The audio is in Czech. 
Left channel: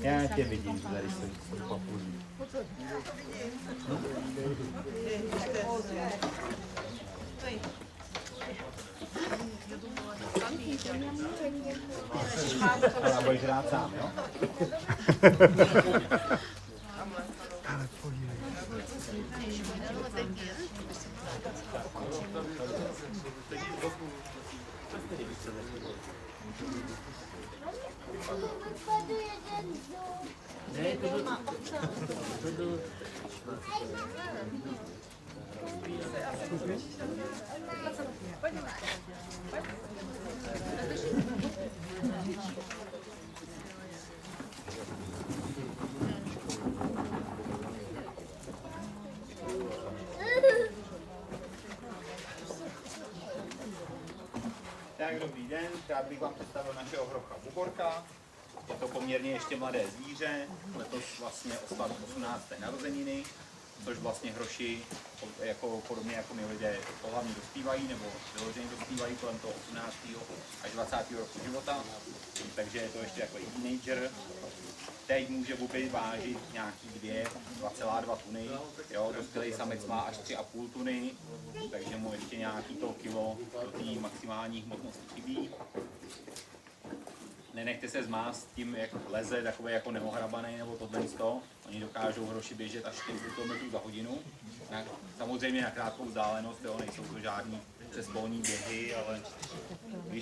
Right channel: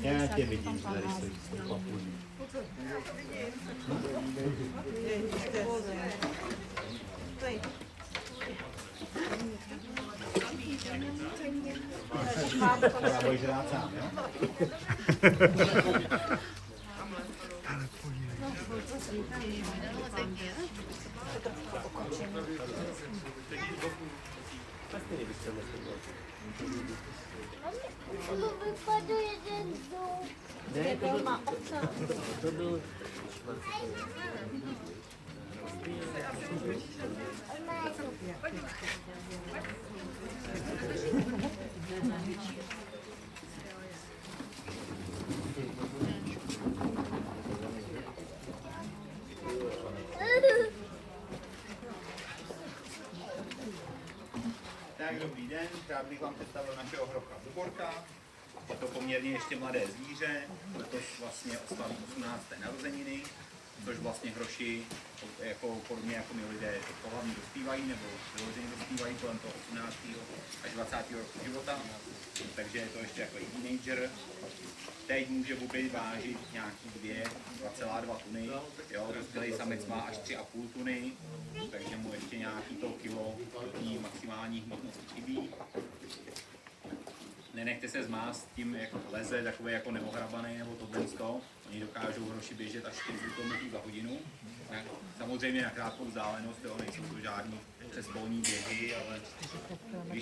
Já tě vidím, tady stojí papulí. Ale budeš rád sám, jo? Vypadl jeden zub. Ne, to Tak dobrý den, rád bych vám představil našeho hrocha Buborka. Je to poměrně ještě mladé zvíře, letos vlastně oslaví 18. narozeniny, což vlastně hroši, jako, podobně jako my lidé, pohlavně dospívají, nebo vyloženě dospívají kolem toho 18. až 20. roku života, takže je to ještě jako i teenager. Teď může bubit vážit nějaký 2,2 tuny, jo, dospělý samec má až 3,5 tuny, takže mu ještě nějaký to kilo do té maximální hmotnosti chybí. Nenechte se zmást tím, jak leze, takové jako neohrabaný nebo tohle. Oni dokážou hroši běžet až 40 km za hodinu. Samozřejmě na krátkou vzdálenost, jo, nejsou to žádný přesvolní běhy, ale když